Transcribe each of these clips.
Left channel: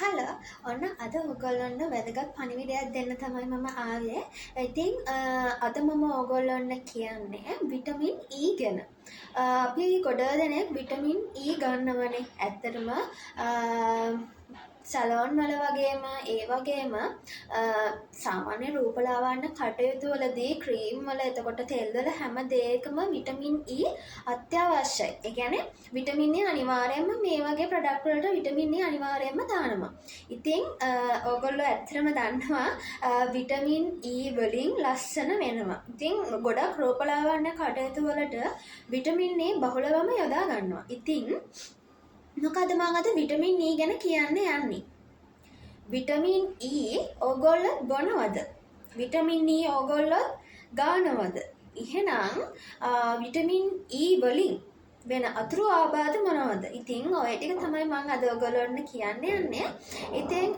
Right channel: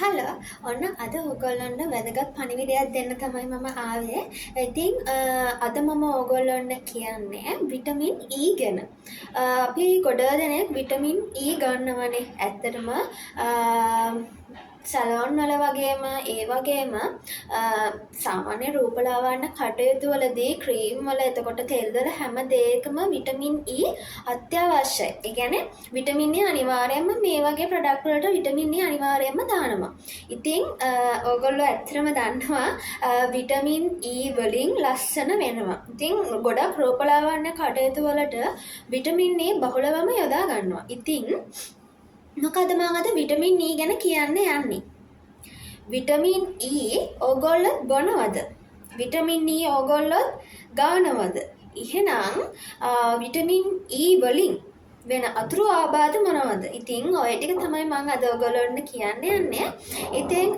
Hello ඔන්න අද ඔයගොල්ලන්ට වැදගත් පණිවිඩයක් දෙන්න තමයි මම ආවේ. ඉතින් අද මම ඔයගොල්ලන්ට කියන්නේ විටමින් E ගැන. අපි ගොඩක් දෙනෙක් විටමින් E ගන්නවනේ. ඇත්තටම සැලොන් වල වගේම ඒ වගේම සාමාන්‍ය රූපලාවන්‍ය කටයුතු වලදී ක්‍රීම් වල එතකොට තෙල් වල හැම දෙයකම විටමින් E අත්‍යවශ්‍යයි. ඒ කියන්නේ විටමින් E අනිවාර්යයෙන්ම මේ වගේ ප්‍රොඩක්ට් වලට විටමින් E අනිවාර්යයෙන්ම දානවා. ඉතින් ඕගොල්ලෝ ඇත්තටම දන්නවා විටමින් E වලින් ලස්සන වෙනවා. ඉතින් ගොඩක් රූපලාවන්‍ය කටයුතු වලට විටමින් E බහුලවම යොදා ගන්නවා. ඉතින් මොකද මම අද විටමින් E ගැන කියන්න යන්නේ. විටමින් E ඕගොල්ලෝ බොනවද? විටමින් E ඕගොල්ලෝ ගන්නවද? එහෙනම් විටමින් E වලින් වෙන අතුරු ආබාධ මොනවද? ඉතින් ඔය ටික තමයි මම අද ඔයගොල්ලන්ට කියන්න යන්නේ. ඉතින්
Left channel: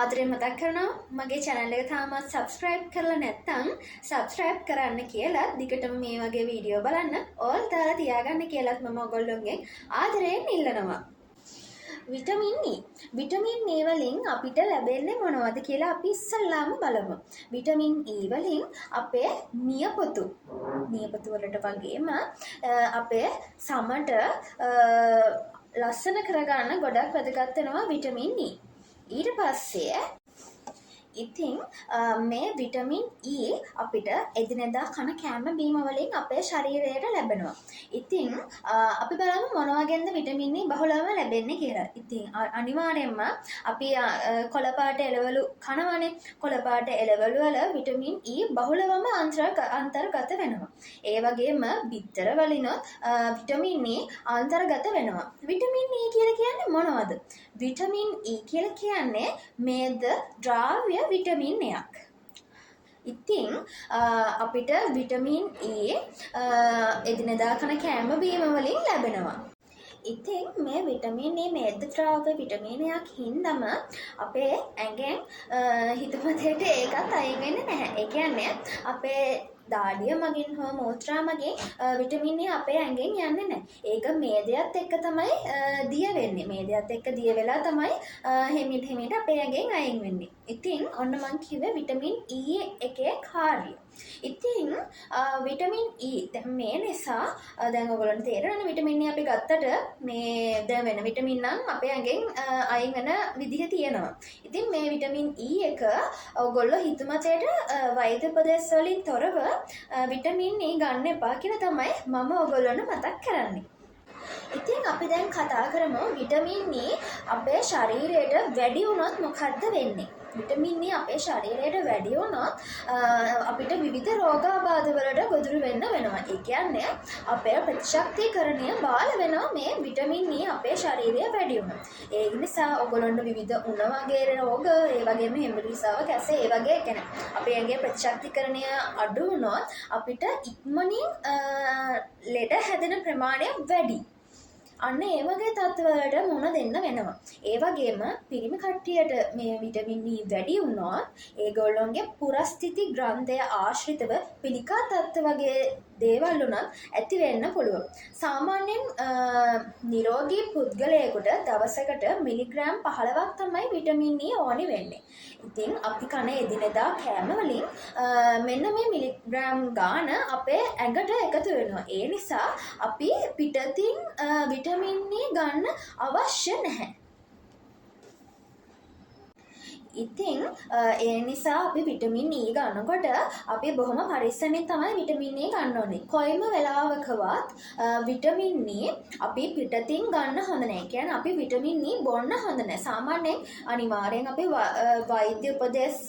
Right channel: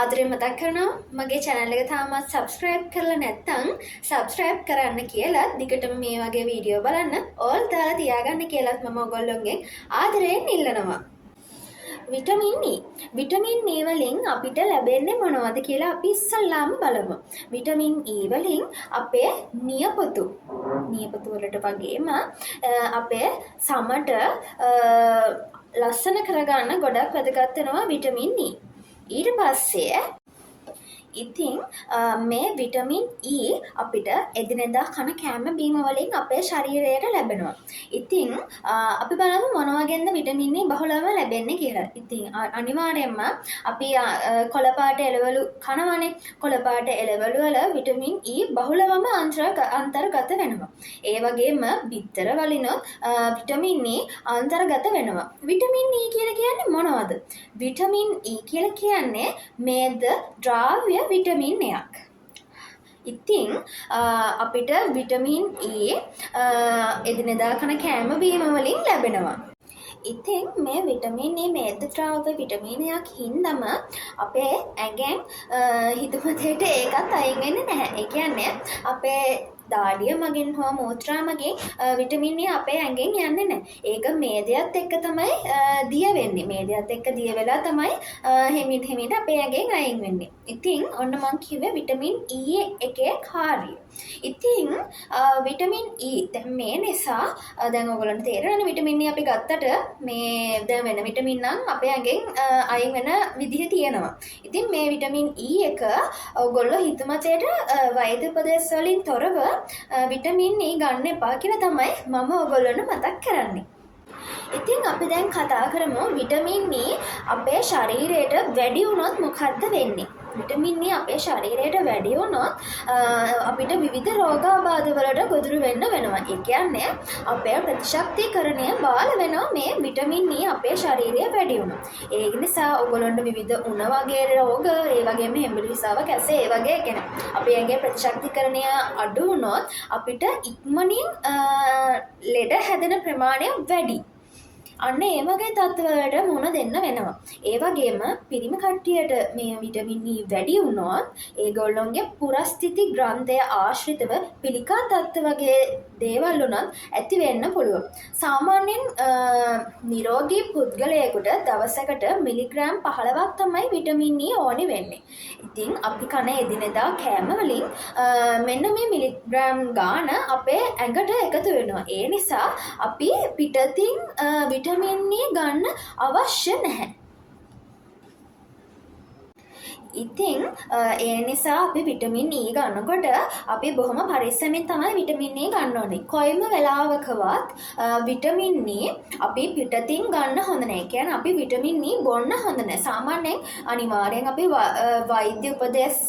ආදරයෙන් මතක් කරනවා මගේ channel එක තාමත් subscribe කරලා නැත්නම් subscribe කරන්න කියලා දිගටම මේ වගේ වීඩියෝ බලන්න all දාලා තියාගන්න කියලාත් මම ඔයගොල්ලොන්ගෙන් ආදරයෙන් ඉල්ලනවා. Vitamin E. විටමින් E වලින් අපිට ලැබෙන්නේ මොනවද කියලා අපි ඉස්සල්ලාම බලමු. විටමින් E වලින් අපේ නියපොතු වලට වගේම අපේ සමට ලස්සන කරගන්න ගොඩක් වැදගත් වෙනවා විටමින් E. ඊට පස්සේ ඉතින් මේ විටමින් E අපිට එදිනෙදා කන කෑම බීම වලින් අපේ ශරීරයට ලැබෙනවා. ඉතින් අපි බලමු මොන වගේද විටමින් E බහුලව ලැබෙන්නේ කියලා. ඉතින් අනිවාර්යයෙන්ම අපි කොළ පාට එළවලු කනවනේ. කොළ පාට එළවලු වල විටමින් E බහුලවම අන්තර්ගත වෙනවා. ඒ වගේම බිත්තර වලිනොත් විටමින් E අන්තර්ගත වෙනවා. විටමින් E කියලා කියන්නේ මොනවද? විටමින් E කියලා කියන්නේ මේද ද්‍රව්‍ය විටමින් එකක්. ඉතින් අපිට විටමින් E එදිනෙදා කන කෑම බීම වලින් ලැබෙනවා. ඉතින් මේ විටමින් E මේද ද්‍රව්‍ය විටමින් එකක් හින්දම අපේ ඇඟෙන් හිතපතේට ඒකත් අයින් වෙන්නේ නැහැ. ඒ කියන්නේ අපේ දාඩිය මගින් හෝ මූත්‍රා මගින් විටමින් E අපේ ඇඟෙන් යන්නේ නැහැ. ඒක මේදයත් එක්ක තමයි දිය වෙන්නේ. මේදයත් එක්ක දිය වෙලා තමයි හිමිට අපේ ඇඟෙන් අයින් වෙන්නේ. ඉතින් ඔන්න මම කිව්වේ විටමින් E එකේ කාර්යය. ඉතින් විටමින් E දැන් මේ නිසා දැන් ඔයගොල්ලන්ට තේරෙනවනේ විටමින් E අපි ගත්තට මේ දැන් වෙන විටමින් නම් අපේ ඇඟෙන් අයින් වෙන විදිහ තියෙනවා. ඉතින් මේ විටමින් E එක ඔයගොල්ලෝ හිතමතේට වෛද්‍ය උපදෙස් වලින් තොරව විටමින් E ගන්න එපා කියලා තමයි මම ඔයගොල්ලන්ට මතක් කරන්නේ. ඉතින් අපි දැන් කතා කරමු විටමින් E අපේ ශරීරයට වැඩි වුණොත් මොකද්ද වෙන්නේ? විටමින් E අපේ ශරීරයට වැඩි වුණොත් අපිට විවිධ රෝගාබාධ වලට ගොදුරු වෙන්න වෙනවා. ඒ කියන්නේ අපේ ප්‍රතිශක්තිකරණය බාල වෙනවා මේ විටමින් E අපේ ශරීරය වැඩි වුණොත්. ඒ නිසා ඔයගොල්ලන්ට විවිධ උණ වගේ රෝග, ඒ වගේම හෙම්බිරිස්සාව කැසේ ඒ වගේ කියන්නේ අපේ ඇඟේ ප්‍රතිශක්තිකරණය අඩු වුණොත් අපිට ඉක්මනින් ලෙඩ හැදෙන ප්‍රමාණය වැඩි. අන්න ඒ වගේ තත්ත්වවලට මුහුණ දෙන්න වෙනවා. ඒ වගේම පිරිමි කට්ටියට මේ විටමින් E වැඩි වුණොත් ඒගොල්ලොන්ගේ පුරස්ථිති ග්‍රන්ථය ආශ්‍රිතව පිළිකා තත්ත්ව වගේ දේවල් උනත් ඇති වෙන්න පුළුවන්. සාමාන්‍යයෙන් නිරෝගී පුද්ගලයෙකුට දවසකට මිලිග්‍රෑම් 15ක් තමයි විටමින් E ඕනි වෙන්නේ. ඉතින් අපි කන එදිනෙදා කෑම වලින් මෙන්න මේ මිලිග්‍රෑම් ගාන අපේ ඇඟට එකතු වෙනවා. ඒ නිසා අපි පිටතින් විටමින් E ගන්න අවශ්‍ය නැහැ. ඉතින් ඒ නිසා අපි විටමින් E ගන්නකොට අපි බොහොම පරිස්සමෙන් තමයි විටමින් E ගන්න ඕනේ. කොයිම වෙලාවකවත් විටමින් E අපි පිටතින් ගන්න හොඳ නැහැ. කියන්නේ අපි විටමින් E බොන්න හොඳ නැහැ. සාමාන්‍යයෙන් අනිවාර්යෙන් අපි වෛද්‍ය උපදෙස්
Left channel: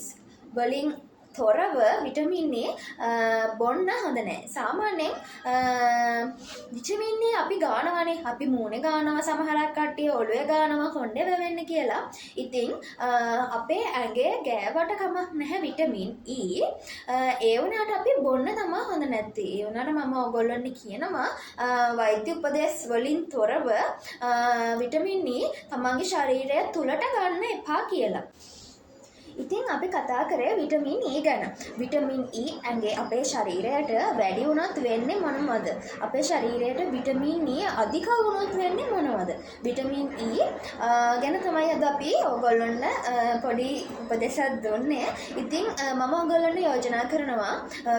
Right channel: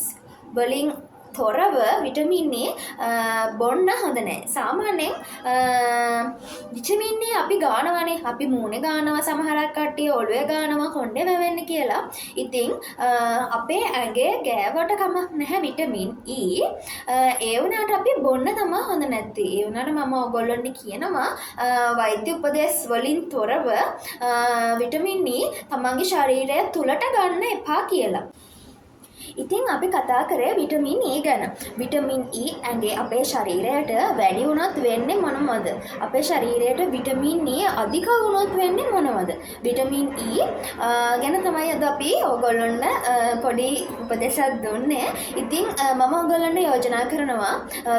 වලින් තොරව විටමින් E බොන්න හොඳ නැහැ. සාමාන්‍යයෙන් විටමින් E අපි ගන්නවානේ. අපි මූණේ ගන්නවා, සමහරක් කට්ටිය ඔළුවේ ගන්නවා කොණ්ඩේ වැවෙන්න කියලා. ඉතින් අපේ ඇඟේ ගෑවට කමක් නැහැ විටමින් E. ඒ වුණාට අපි බොන්න තමයි හොඳ නැත්තේ. ඒ වුණාට මම ඔයගොල්ලන්ට කියනවා වෛද්‍ය උපදෙස් වලින් තොරව විටමින් E තමන්ගේ ශරීරය තුලට ගන්න එපා කියලා. ඉතින් අපි කතා කරේ විටමින් E ගැන. විටමින් E ඇඟේ අපේ ශරීරයට වැඩි වුණොත් වෙන්නේ මොනවද? අපේ ශරීරයට විටමින් E අධික වුණොත් වෙන්නේ මොනවද? විටමින් E ගැන තමයි අද අපි ඔයගොල්ලන්ට පොඩි උපදේශයක් දුන්නේ. ඉතින් මම ඔයගොල්ලන්ට යෝජනා කරනවා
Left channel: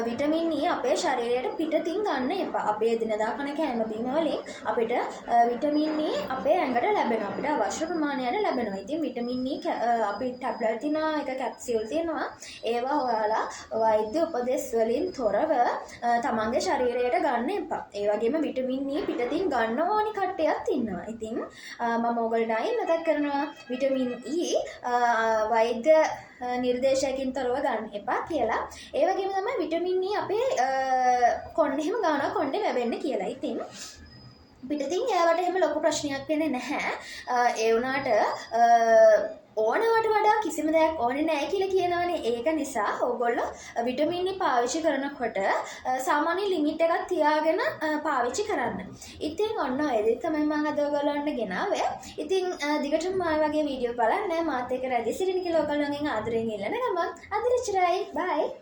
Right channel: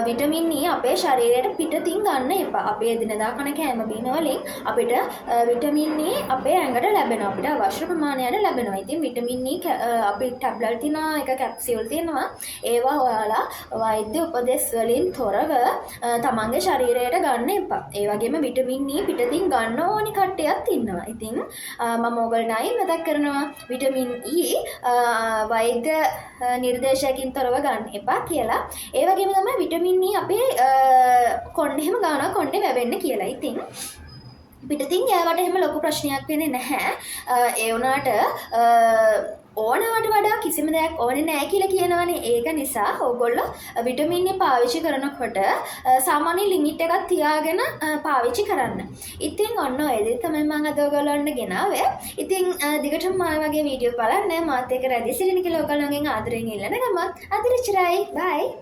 විටමින් E අපේ ශරීරයට පිටතින් ගන්න එපා. අපි එදිනදා කන කෑම බීම වලින් අපිට විටමින් E අපේ ඇඟට ලැබෙනවා. අපිට අවශ්‍ය ප්‍රමාණයට ලැබෙනවා. ඉතින් විටමින් E අපි ටැබ්ලට් තියනවා, එක කැප්සියුල් තියෙනවා. ඒවා ඔයාලා වෛද්‍ය උපදෙස් වලින් තොරව තමන්ගේ ශරීරයට ගන්න එපා. ඒ වගේම විටමින් E පිටතින් ගන්න ඕනි කට්ටියක් ඉන්නවා. ඉතින් මම ඔයගොල්ලන්ට මතක් කරනවා විටමින් E වෛද්‍ය නිර්දේශයකින් තොරව ගන්න එපා කියලා. ඒ වගේම තමයි විටමින් E අපේ කොණ්ඩෙම ගානවා කොණ්ඩේ වැවෙන්න කියලා. ඉතින් පිටතින් ගෑවට එහෙම ලොකු ප්‍රශ්නයක් වෙන්නේ නැහැ. ඒ වුණාට ඕනවට වඩා කිසිම දෙයක් ඕනේ නැහැ කියලා කියනවනේ. ඒක නිසා ඕගොල්ලෝ විටමින් E පාවිච්චි කරනකොට සාමාන්‍ය ලිමිට් එකක් තියාගෙන පාවිච්චි කරන්න. ඉතින් ඔන්න ඔය දේ තමයි මම අද ඔයගොල්ලන්ට ගෙනාවේ. ඉතින් දිගටම මම වගේ වීඩියෝ බලන්න මාත් එක්ක රැඳී සිටින්න කියලා ඔයගොල්ලන්ගෙන් ආදරෙන් ඉල්ලන ගමන් අද ඉච්චරයි. බයි.